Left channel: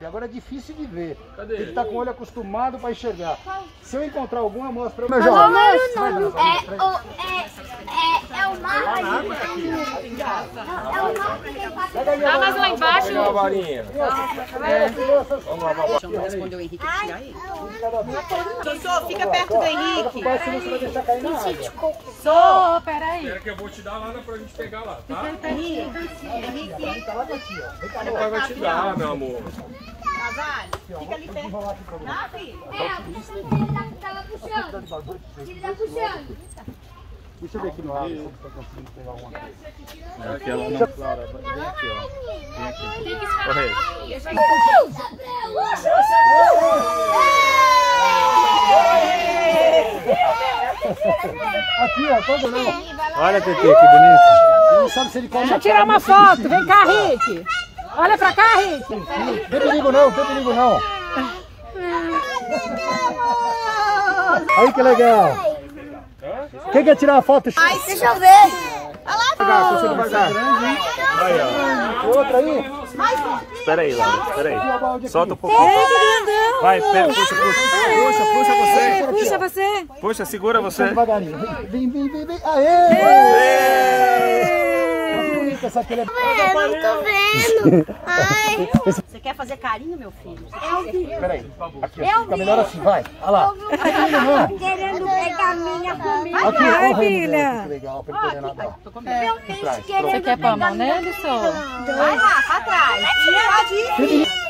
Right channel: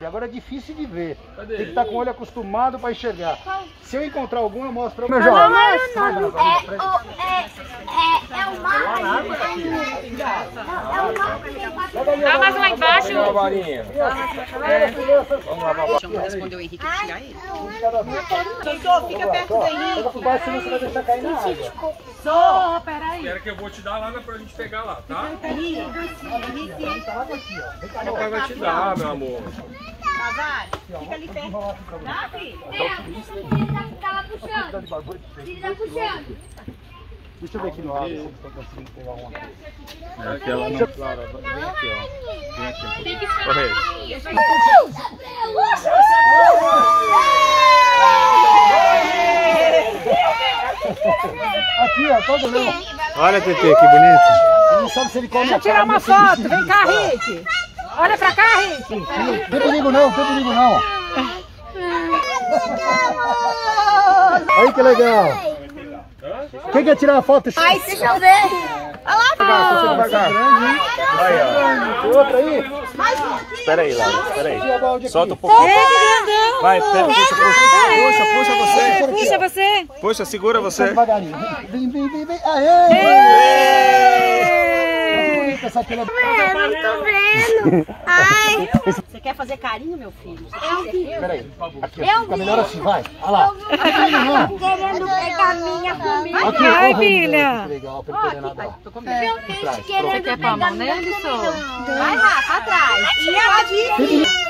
E agora é difícil de ver. Cadê? Tem que estar com o olho acostumado para enxergar. Se eu encontrar algum, eu mostro para o meu jovem. É o mar. Dá mais lá embaixo. Pega a varinha. Vamos lá, vamos lá. Deixa eu responder o Henrique e tirar ele. Só fica perto do Henrique. Vai, senão você vai deixar cair na água. Só, peraí. Espera que eu vou te dar lá pra gente pegar lá, tá? Henrique. Papai vai te dar, meu amor. Fica ali perto. Tá, filho? Tava puxando. Ele tá puxando. Deixa eu ver aqui no ar, se você está conseguindo pegar uma coisa. É aquela não, Clara. Vem aqui, ó. Vem aqui. Corre. Aqui, ó, todo mundo. Olha, Tete, que bonito. Ele não sabe se ele come Deixa eu tirar uma foto. Vem cá, Rick. Olha pra cá, Rick. Não tem perigo não, não tem perigo não. Aí que legal. Quem quer tirar uma foto? Ai, deixa eu ver. Aí, ó. Tem outra aí? Espera aí, Laura. Espera aí. Solta um pouquinho. Ei, que grandão. Vai, pega, puxa você. Puxa você. Puxa, segura você. Devagarinho. Vem, vem, vem, vem. Aê! Pensar que ele é... Eu não tô vendo. Ai. Você quer fazer carinho, meu filho? Peraí. Aqui, ó. Fica melhor assim, vai. Olha lá. Querendo pegar minha comida. Aqui, Ai, ó, filha. que legal, pra ele poder nadar. Meu bicho querendo pegar minha comida. Vai lá, pra trás. E ela